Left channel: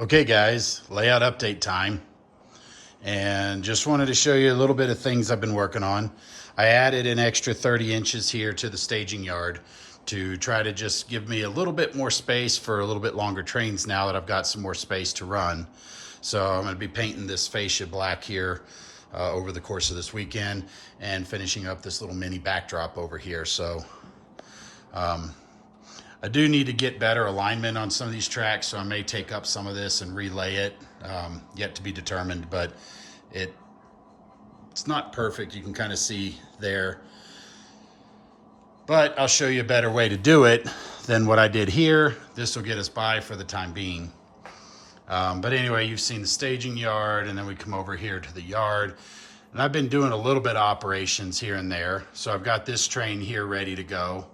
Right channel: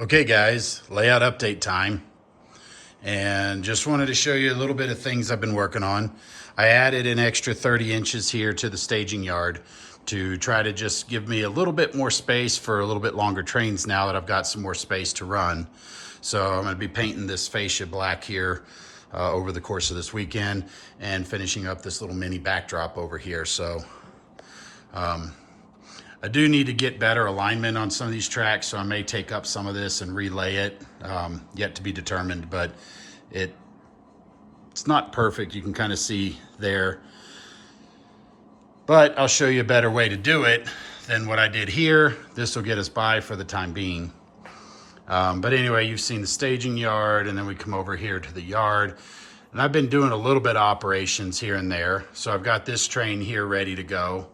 Okay guys, layout update time. And just wanted to show you a little bit of things I've been working on. I added an extra 30 inches here to the staging yard to try to just give me a little bit more space for a little bit longer trains now that I've got some more space to run. So I'm going to be painting this fascia black here over the course of this weekend and finishing up this little mini backdrop over here. So I do need to get better alignment on some of these tracks, so I may take up some of this and relay it, yet to be determined, but it's not perfect. You can kind of see there, but I'll show you a better way to do it than what I did here. This will get us by for the time being. But anyway, you've seen the staging yard, and then we come over here to the yard, and I've been doing a little bit of operations here and there. So I've got this train here ready to go.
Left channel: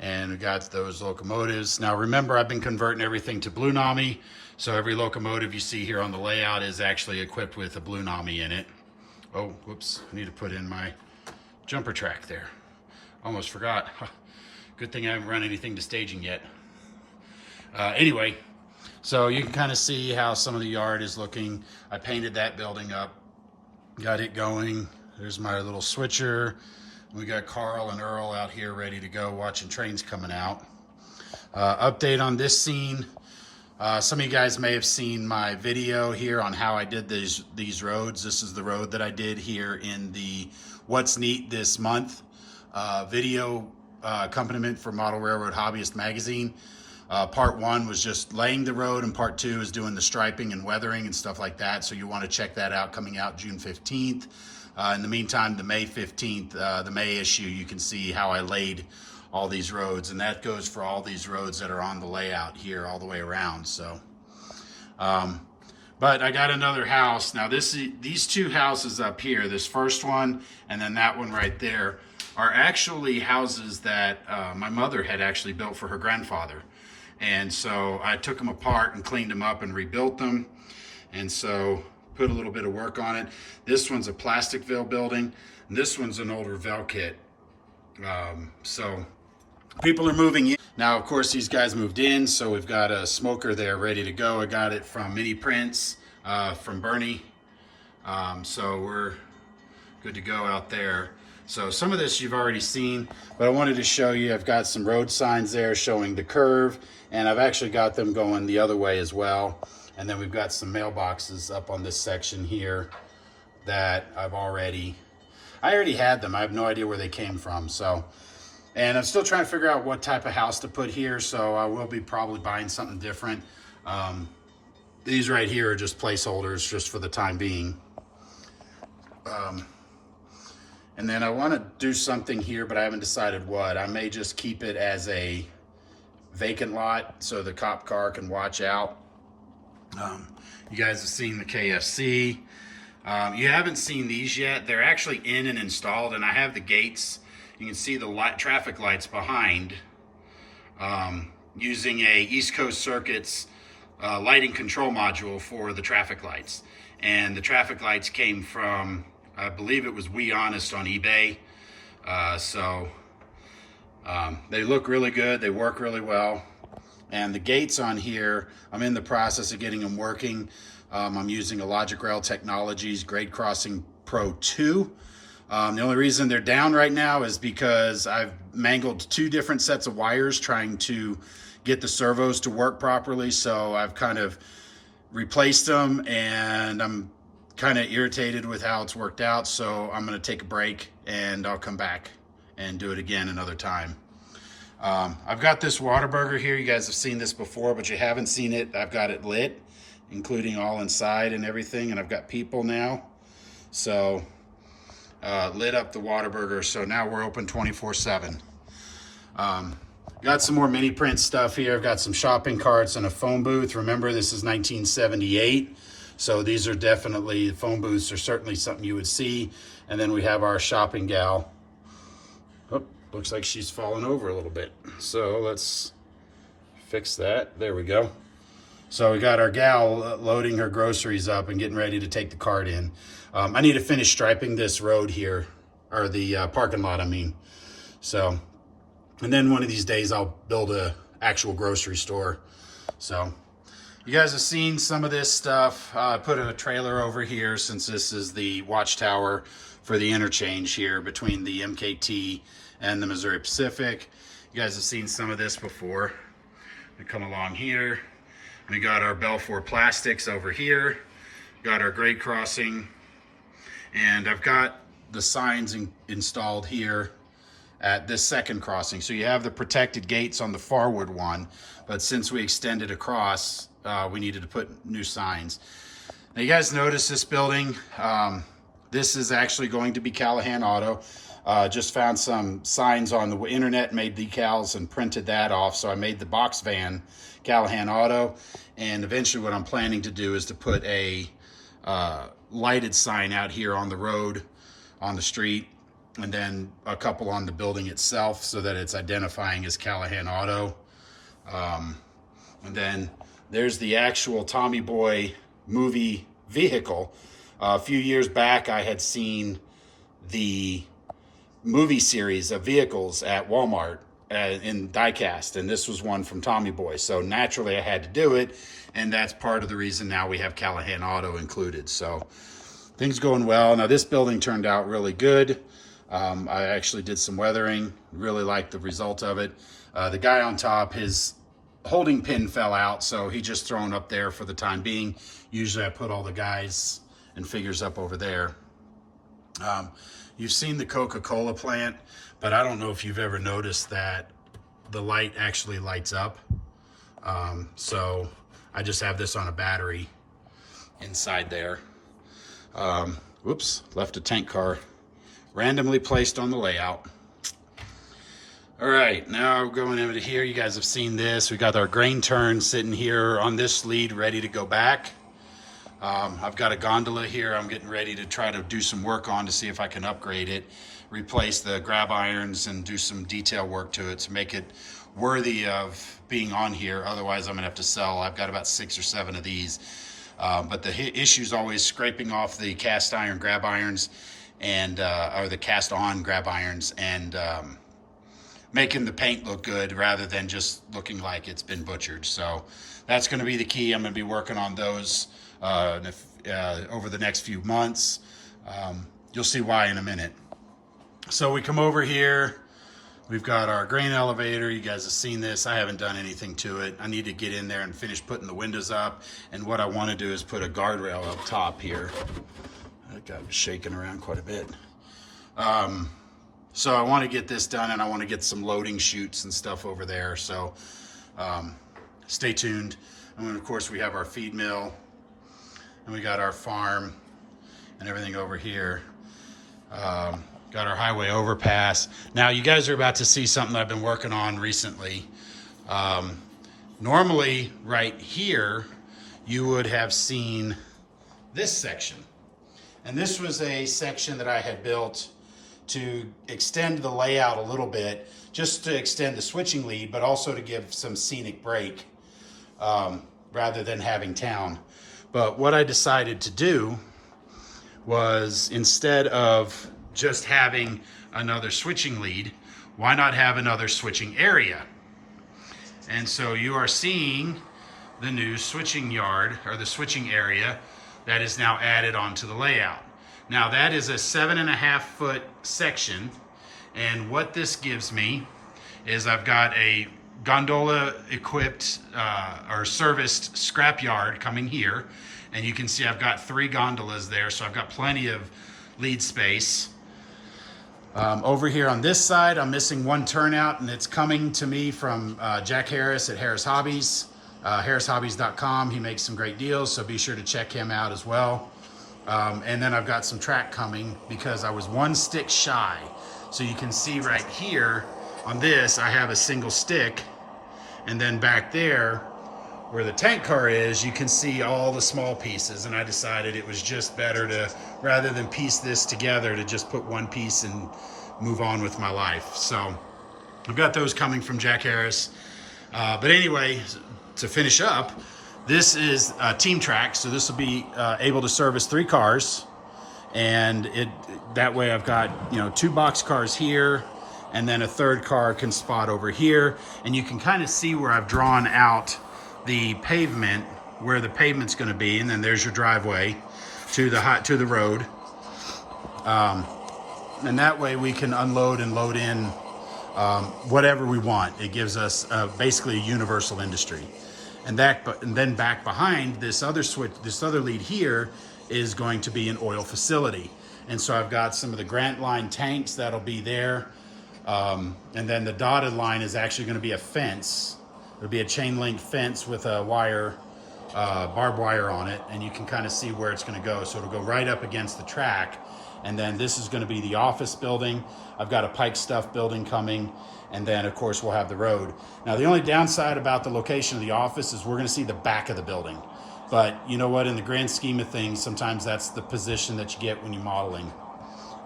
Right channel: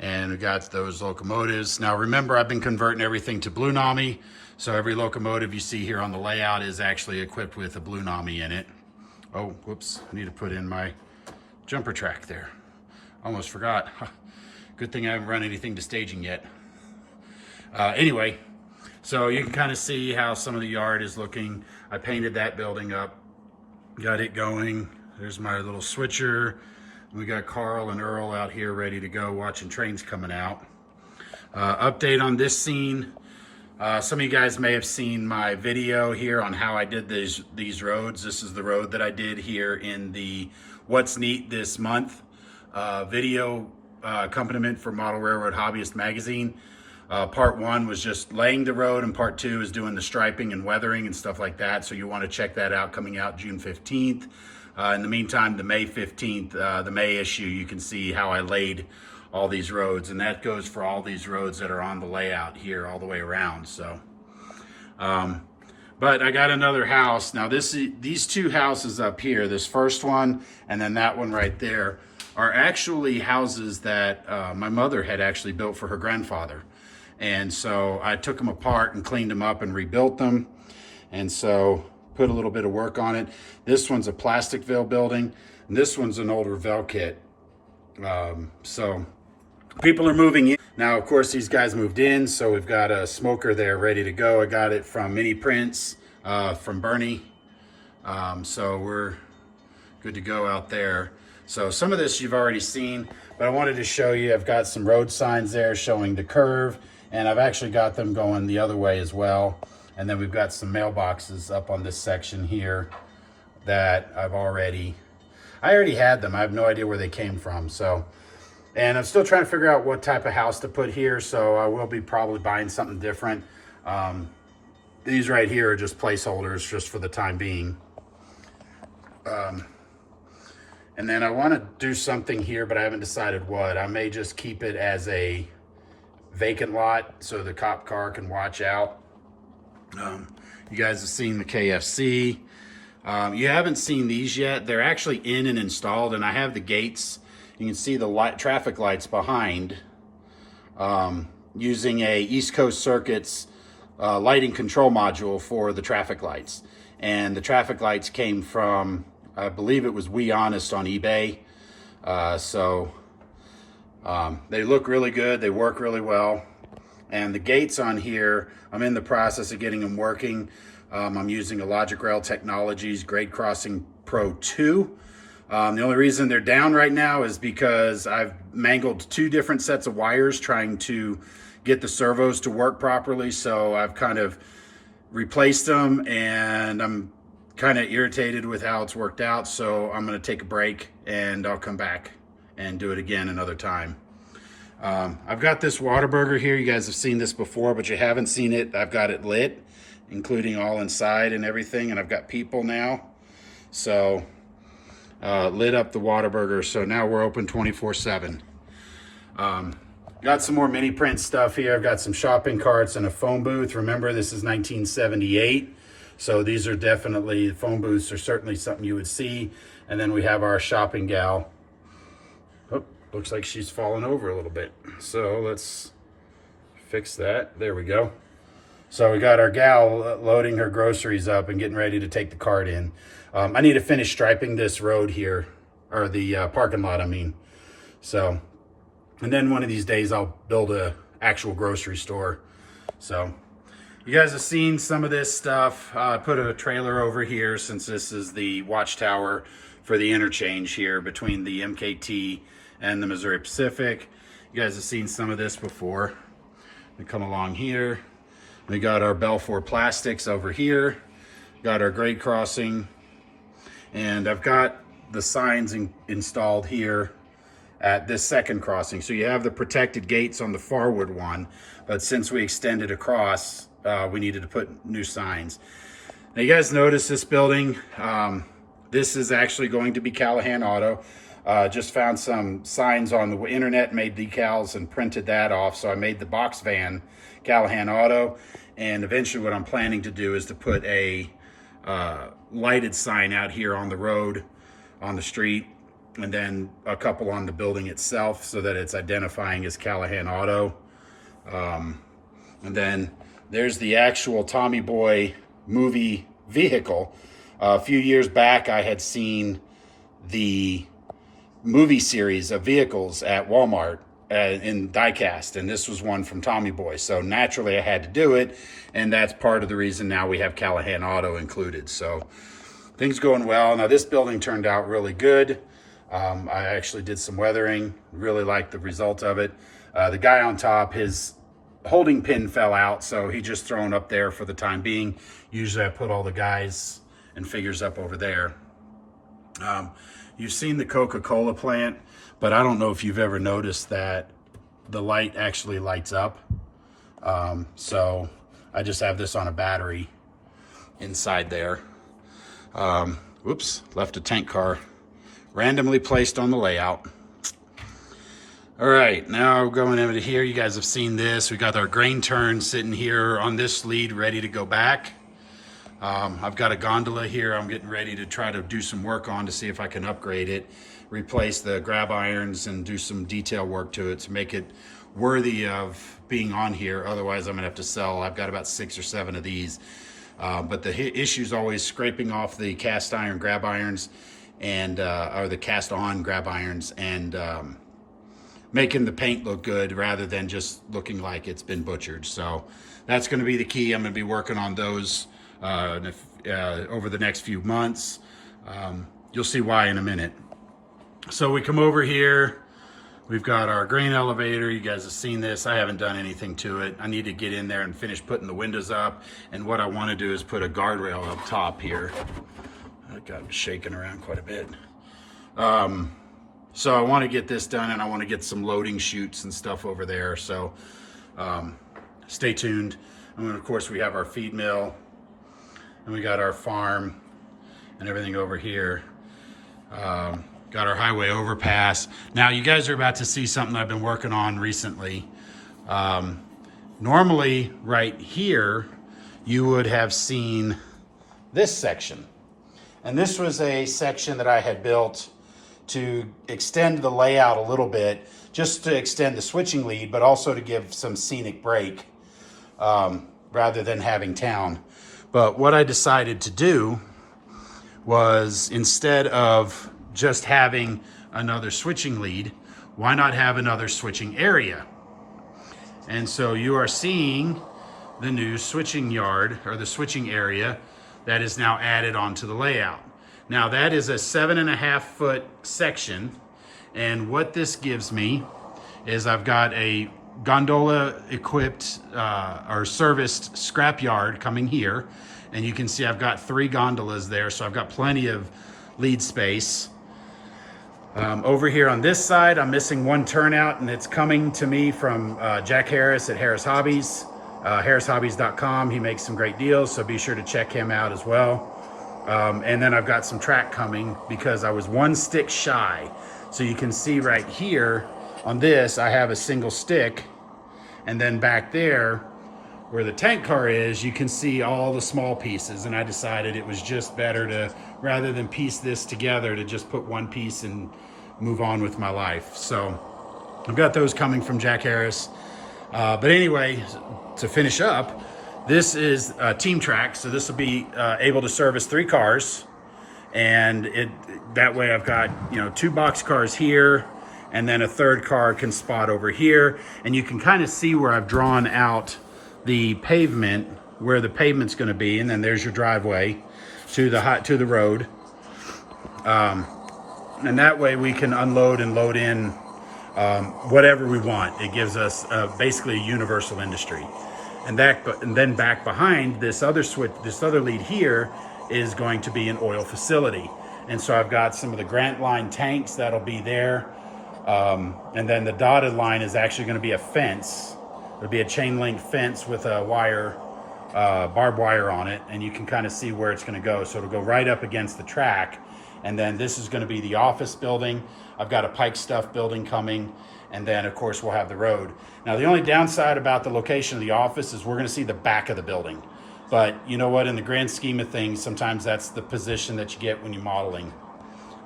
And we got those locomotives. Now remember, I've been converting everything to Blunami. So every locomotive you see here on the layout is actually equipped with a Blunami in it. Oh, whoops, I need to put in my jumper track there. Almost forgot. Good thing I haven't run anything to staging yet. Anyway, so you can kind of see how some of the yard is looking. I painted that building up, got it going. There's my little switcher. We got Carl and Earl out here ready to go, watching trains coming out. Update on this scene. Some of you guys may have seen my video here on how I did these roads. This is the road that I did here in the What's Neat This Month video accompaniment for Model Railroad Hobbyist magazine. Part 1 was just laying the road, and part 2 is doing the striping and weathering and stuff like that. So you want to check that out, coming out June 15th. In the meantime, the May 15th, the May issue, you can see how I laid all these roads, and that goes for all these roads that are on the layout here all the way around. So, but I got another house. Now these two houses up here, this first one and then that one right there, are actually houses that my mother had actually built for her grandfather. And so I took them apart and cleaned them up and rebuilt them. And so put a little bit of work on it. This one's a Plasticville building, and this one's an older Velkit. So people are moving in. Now, of course, these guys moved in, so we've got a smoker there ready to go. I got it from Mini Prints, from Bernie. So we're good to go out there. So some of this you've already seen, but I wanted to show you, I've got some road signs there showing the curve, and I've actually got them going the other way as well. And then we've got some mailboxes up on this section here that I already had them. I have no idea where they came from. So, and I'm still trying to figure out what type of house to put here. So I will be probably buying something different. These right here are just placeholders just for the time being. And then I want to do something here, but I haven't decided what. I may just keep it as a vacant lot so the cop car can watch out. You guys have seen the KFC. You haven't seen these yet. They're actually in and installed, and I have the gates. You can see the traffic lights behind, using a East Coast Circuits lighting control module for the traffic lights. And the traffic lights came from, I believe it was We Honest on eBay. They look really good. They work really well. And the gates on here, I'm in the process of getting them working. I'm using a Logic Rail Technologies Grade Crossing Pro 2. The only reason they're down right now is because I've mangled 2 different sets of wires trying to get the servos to work properly. So I've kind of replaced them, and I'm kind of irritated with how it's worked out. So I'm going to take a break, and I'll come back and do it again another time. I've got this Whataburger here. You guys have seen this before, but you haven't seen it. I've got it lit, including all inside and everything, and I've got people now. So lit up the Whataburger, so now we're open 24/7. Got some more Mini Print stuff here. I've got some shopping carts and a phone booth. Remember, this is 1978, so these are definitely, phone booths are certainly something you would see. And then we have our shopping gal. Looks like she's fallen over a little bit. So let's fix that. There we go. So we got our gal loading her groceries up and getting ready to take the cart in. I need to finish striping this road here, or the parking lot, I mean. So And then one of these days I'll build a actual grocery store. So You guys have seen some of this stuff. I put a trailer over here since this is the watchtower for the interchange here between the MKT and the Missouri Pacific. You guys have seen some of this before. We come along here. We got our Belfour plastics over here. Got our grade crossing. And I've got the signs installed here at this second crossing. So you have the protected gates on the forward one, but since we extended across, we needed to put new signs. Now you guys notice this building. This is actually going to be Callahan Auto. Just found some signs on the internet, made decals and printed that off. So I made the box van Callahan Auto. And eventually what I'm planning to do is to put a lighted sign out here on the road, on the street, and then a couple on the building itself so that it's identifying as Callahan Auto. And then there's the actual Tommy Boy movie vehicle. A few years back, I had seen the movie series of vehicles at Walmart in diecast, and this was one from Tommy Boy. So naturally I had to do it, and that's part of the reason now we have Callahan Auto included. So things going well. Now this building turned out really good. I actually did some weathering, really liked the result of it. The guy on top, his holding pin fell out, so he just thrown up there for the time being. Usually I put all the guys and figures up over there. You've seen the Coca-Cola plant, but I don't know if you've ever noticed that the light actually lights up. So I just have this on a battery inside there. Whoops, left a tank car randomly placed on the layout. All right, now going over to here, you guys have seen this. We got our grain turn sitting here on this lead ready to go back. I've got a gondola here I'm getting ready to try to do some work on to see if I can upgrade it, replace the grab irons and do some detail work to it to make it worthy of being on here. Otherwise, I'm gonna have to sell. I've got about 6 or 7 of these. But the issue is always scraping off the cast iron grab irons and or the cast on grab irons and making the paint look good rather than just looking like it's been butchered. So that's going to be the key. I'm going to be working on those over the next few months. You'll see why in a minute. So we come over here. We've got our grain elevator. You guys have seen this. I haven't done anything to it. I need to get in there and finish putting the windows up. And what I want to do is put a guardrail up top here. I got shaking around quite a bit. So I want to get this done, and I want to get some loading chutes and stuff over there. So stay tuned. And then, of course, we have our feed mill, and we got our farm and everything over here. Got our highway overpass. Now, you guys are about to see something I've been working on recently. Normally, right here, you would have seen this section. And this was a section that I had built to extend the layout a little bit, just to extend the switching lead, but also to give some scenic break rather than having town. But what I decided to do was, instead of just having another switching lead, why not have another switching area? And so you are seeing the new switching yard, or the switching area, that is now added onto the layout. Now that is a 7.5 foot section, and what this gives me is I've got a gondola equipped or serviced scrap yard coming here, and you can see I've got 3 gondolas there, so I've got plenty of lead space. Over here on this side, I'm missing 1 turnout, and it's coming to me from Jack Harris at Harris Hobbies, harrishobbies.com. He makes some great deals, so be sure to check him out as well. And then I've got some track coming because I was 1 stick shy. So you can see right here on this, I have a single stick, and then back there where the tank car is, you can see all the small pieces, and I decided it was just better to, rather than piece this together, to just put 1 piece and move on with my life. So I've got those coming from Jack Harris. But anyway, to finish up, this is Team Track, so this will be able to service 3 cars, and that way I've got 2 box cars here, and then a 3rd car can spot over here, and you can kind of see where I've drawn out the pavement where the pavement's going to be, and then there's your driveway to the road. And that way we can unload and load in whatever we want. It gives us basically a universal industry. And then back behind this other lead here is going to be an oil facility. And so I've got some of the Grant Line tanks that'll be there. And then the dotted line is actually going to be a fence. It'll be a chain link fence with a wire, barbed wire on it, and you can kind of see where it's going to go. So it'll go right up against the track. And then this is going to be the office building. I've got a Pike Stuff building coming. And then of course we'll have the road. Now the only downside about the location of the office is we're going to see the back of the building. But you know what, in the grand scheme of things, sometimes that's the position that you get when you're modeling.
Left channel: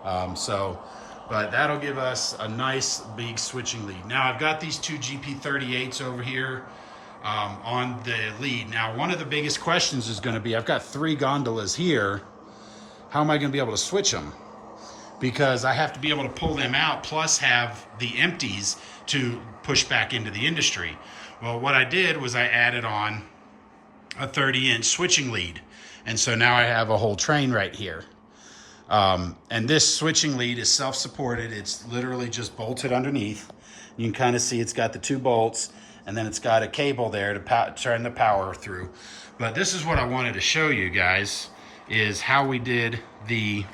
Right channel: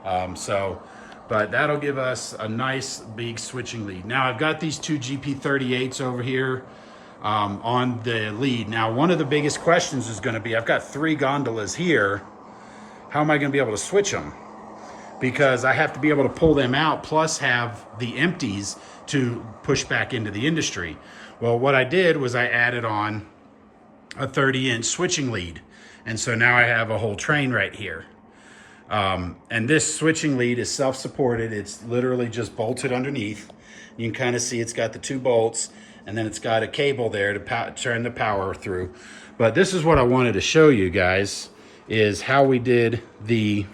But that'll give us a nice big switching lead. Now I've got these two GP38s over here on the lead. Now one of the biggest questions is going to be, I've got 3 gondolas here. How am I going to be able to switch them? Because I have to be able to pull them out plus have the empties to push back into the industry. Well, what I did was I added on a 30-inch switching lead. And so now I have a whole train right here. And this switching lead is self-supported. It's literally just bolted underneath. You can kind of see it's got the 2 bolts, and then it's got a cable there to turn the power through. But this is what I wanted to show you guys, is how we did the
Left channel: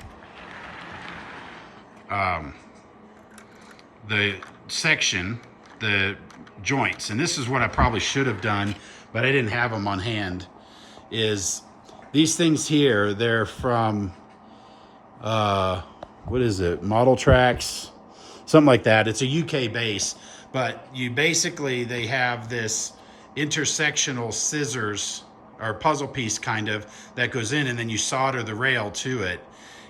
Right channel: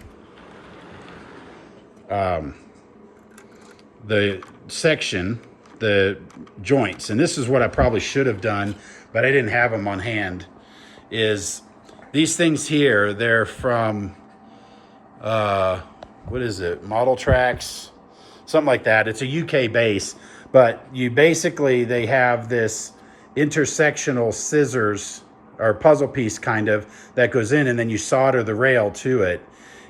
section, the joints. And this is what I probably should have done, but I didn't have them on hand, is these things here, they're from what is it, SoundTraxx, something like that. It's a UK base, but they have this intersectional scissors or puzzle piece kind of that goes in, and then you solder the rail to it,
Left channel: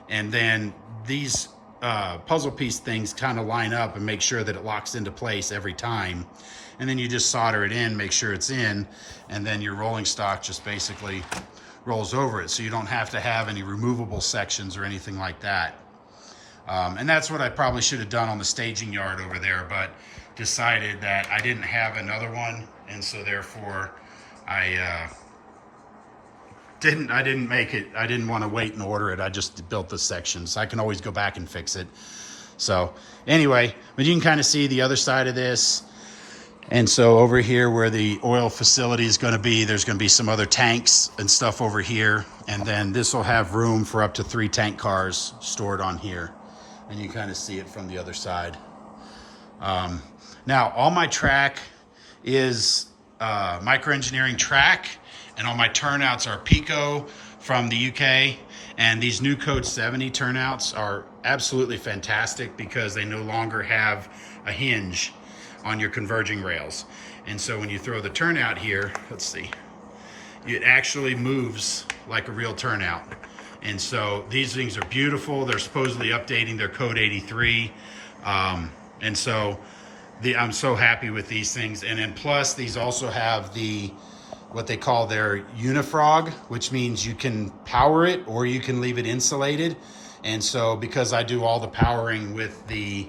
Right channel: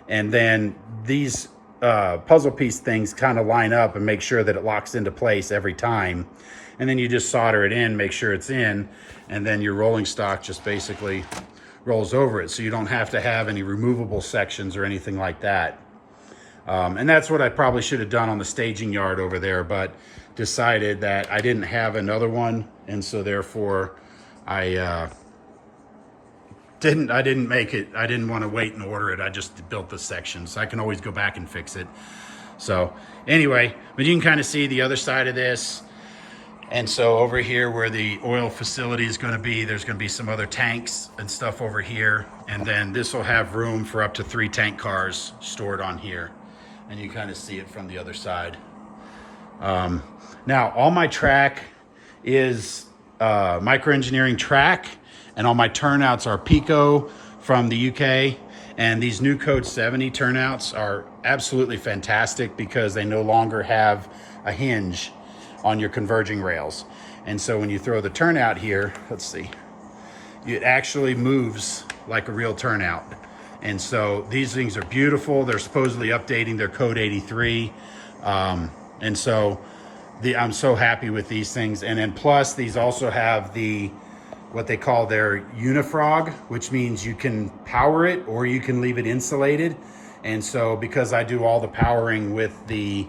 and then these puzzle piece things kind of line up and make sure that it locks into place every time. And then you just solder it in, make sure it's in, and then your rolling stock just basically rolls over it. So you don't have to have any removable sections or anything like that. And that's what I probably should have done on the staging yard over there, but decided that I didn't have another one. And so therefore I didn't make it. I didn't want to wait and order it. I just built the sections. I can always go back and fix it. So anyway, but you can kind of see the other side of this. And so over here where the oil facility is going to be, there's going to be some other tanks and stuff over here. And then this will have room for up to 3 tank cars stored on here. And you kind of see it from the other side. Now all my track is microengineering track. And all my turnouts are Pico from the UK. And these new Code 70 turnouts are absolutely fantastic because they no longer have a hinge on your converging rails. And so when you throw the turnout here, let's see, it actually moves like a real turnout. And so these things are beautiful. They're supposedly updating their Code 83. And so I'm so happy with these things. And then plus these also have what they call their unifrog, which means you can power it or you can leave it insulated. And so because I do all the powering with the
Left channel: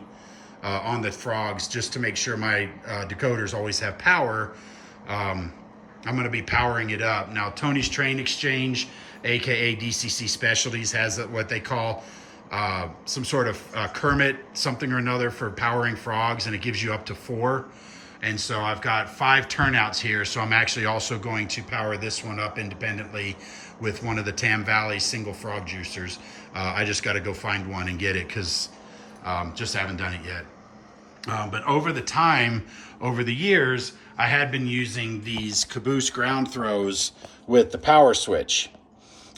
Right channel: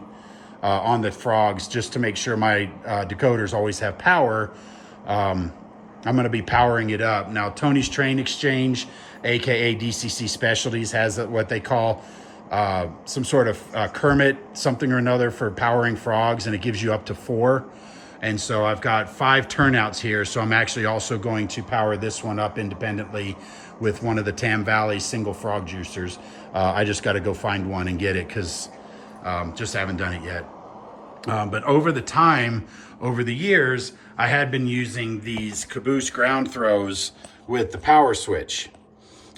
on the frogs, just to make sure my decoders always have power, I'm going to be powering it up. Now Tony's Train Exchange, aka DCC Specialties, has what they call some sort of Kermit something or another for powering frogs, and it gives you up to 4. And so I've got 5 turnouts here. So I'm actually also going to power this one up independently with one of the Tam Valley single frog juicers. I just got to go find one and get it because just haven't done it yet. But over the years, I had been using these caboose ground throws with the power switch.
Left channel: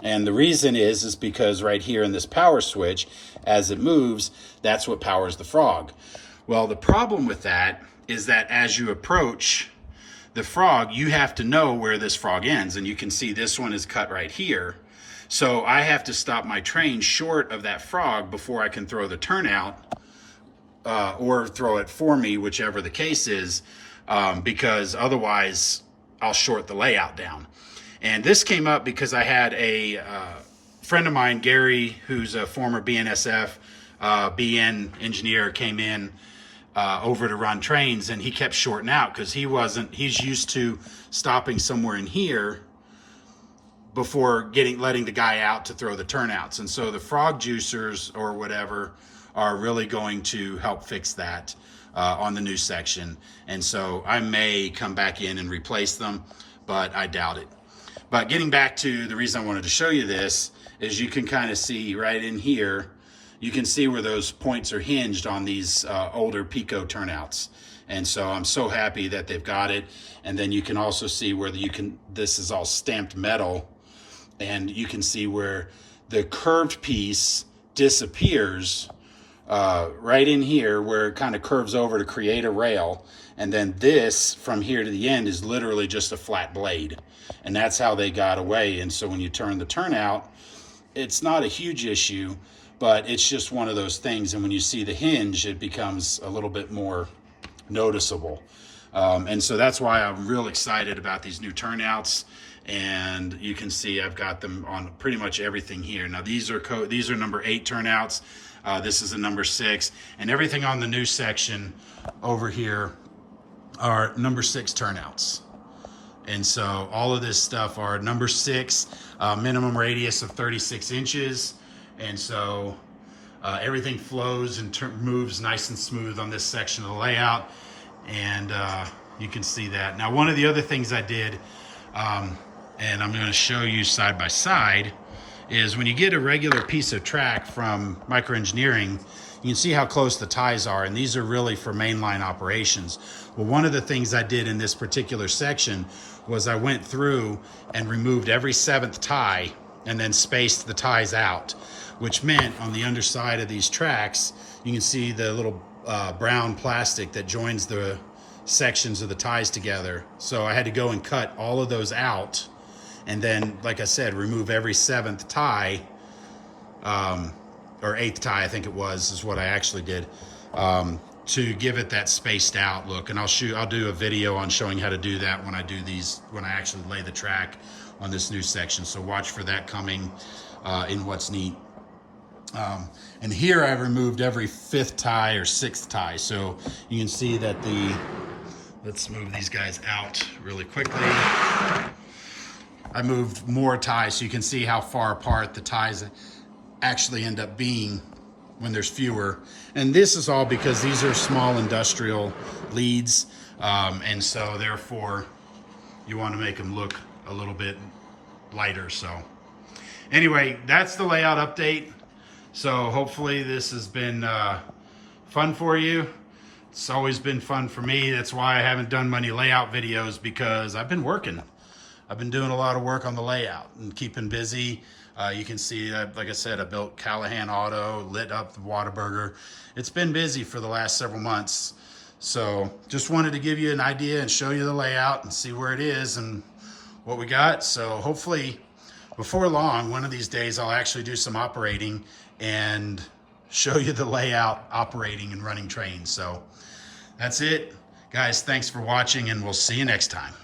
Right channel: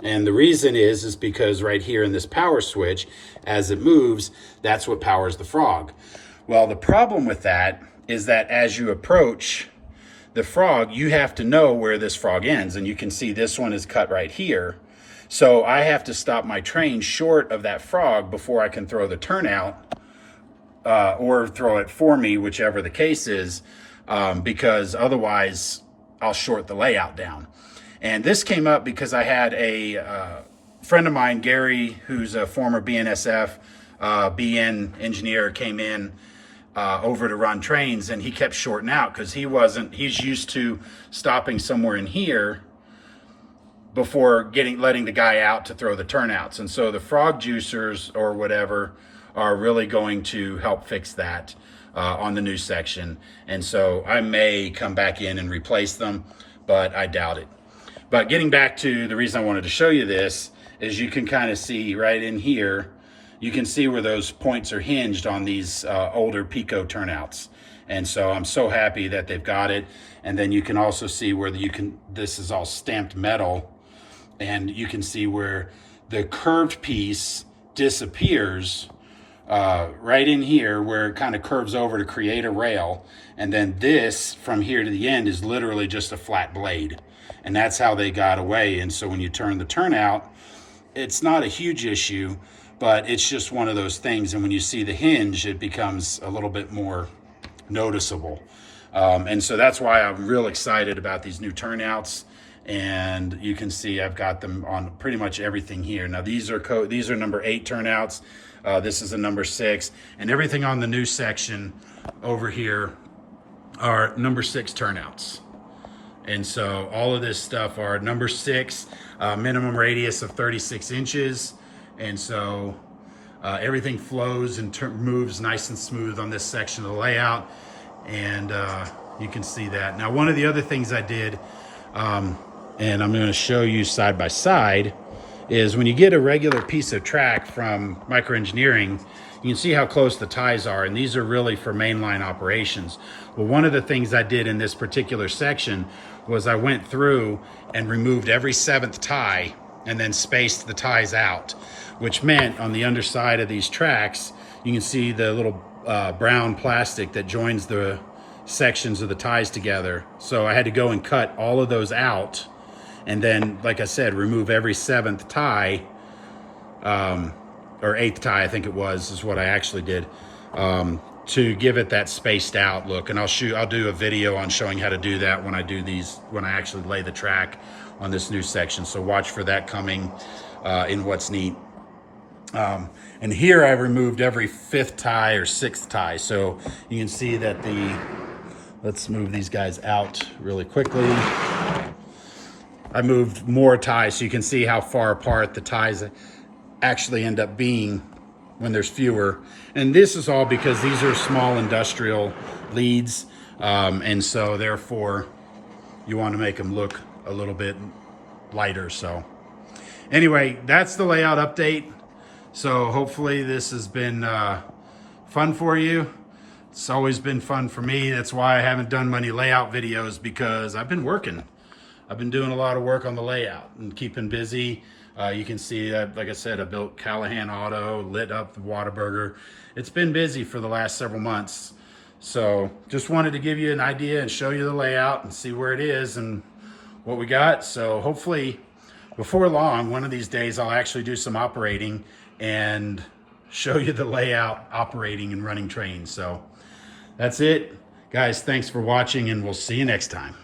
And the reason is because right here in this power switch, as it moves, that's what powers the frog. Well, the problem with that is that as you approach the frog, you have to know where this frog ends. And you can see this one is cut right here. So I have to stop my train short of that frog before I can throw the turnout or throw it for me, whichever the case is, because otherwise I'll short the layout down. And this came up because I had a friend of mine, Gary, who's a former BNSF BN engineer, came in over to run trains, and he kept shorting out because he's used to stopping somewhere in here before letting the guy out to throw the turnouts. And so the frog juicers or whatever are really going to help fix that on the new section. And so I may come back in and replace them, but I doubt it. But getting back to the reason I wanted to show you this is you can kind of see right in here, you can see where those points are hinged on these older Pico turnouts. And so I'm so happy that they've got it. And then you can also see where this is all stamped metal, and you can see where the curved piece disappears right in here where it kind of curves over to create a rail. And then this from here to the end is literally just a flat blade. And that's how they got away. And so when you turn the turnout, it's not a huge issue, but it's just one of those things. And when you see the hinge, it becomes a little bit more noticeable. And so that's why I'm real excited about these new turnouts. And you can see I've got them on pretty much everything here. Now these are number 8 turnouts. This is a number 6, and everything on the new section over here are number 6 turnouts. And so all of this stuff are number 6, minimum radius of 36 inches. And so everything flows and moves nice and smooth on this section of the layout. And you can see that. Now, one of the other things I did, and I'm going to show you side by side, is when you get a regular piece of track from Micro Engineering, you can see how close the ties are, and these are really for mainline operations. Well, one of the things I did in this particular section was I went through and removed every 7th tie and then spaced the ties out, which meant on the underside of these tracks, you can see the little brown plastic that joins the sections of the ties together. So I had to go and cut all of those out, and then, like I said, remove every 7th tie, or 8th tie, I think it was, is what I actually did, to give it that spaced out look. And I'll do a video on showing how to do that when I actually lay the track on this new section. So watch for that coming in What's Neat. And here I removed every 5th tie or 6th tie. So you can see that let's move these guys out really quickly. I moved more ties so you can see how far apart the ties actually end up being when there's fewer. And this is all because these are small industrial leads. And so therefore you want to make them look a little bit lighter. So anyway, that's the layout update. So hopefully this has been fun for you. It's always been fun for me. That's why I haven't done many layout videos, because I've been working. I've been doing a lot of work on the layout and keeping busy. You can see that, like I said, I built Callahan Auto, lit up the Whataburger. It's been busy for the last several months. So just wanted to give you an idea and show you the layout and see where it is and what we got. So hopefully before long, one of these days, I'll actually do some operating and show you the layout operating and running trains. So that's it. Guys, thanks for watching, and we'll see you next time.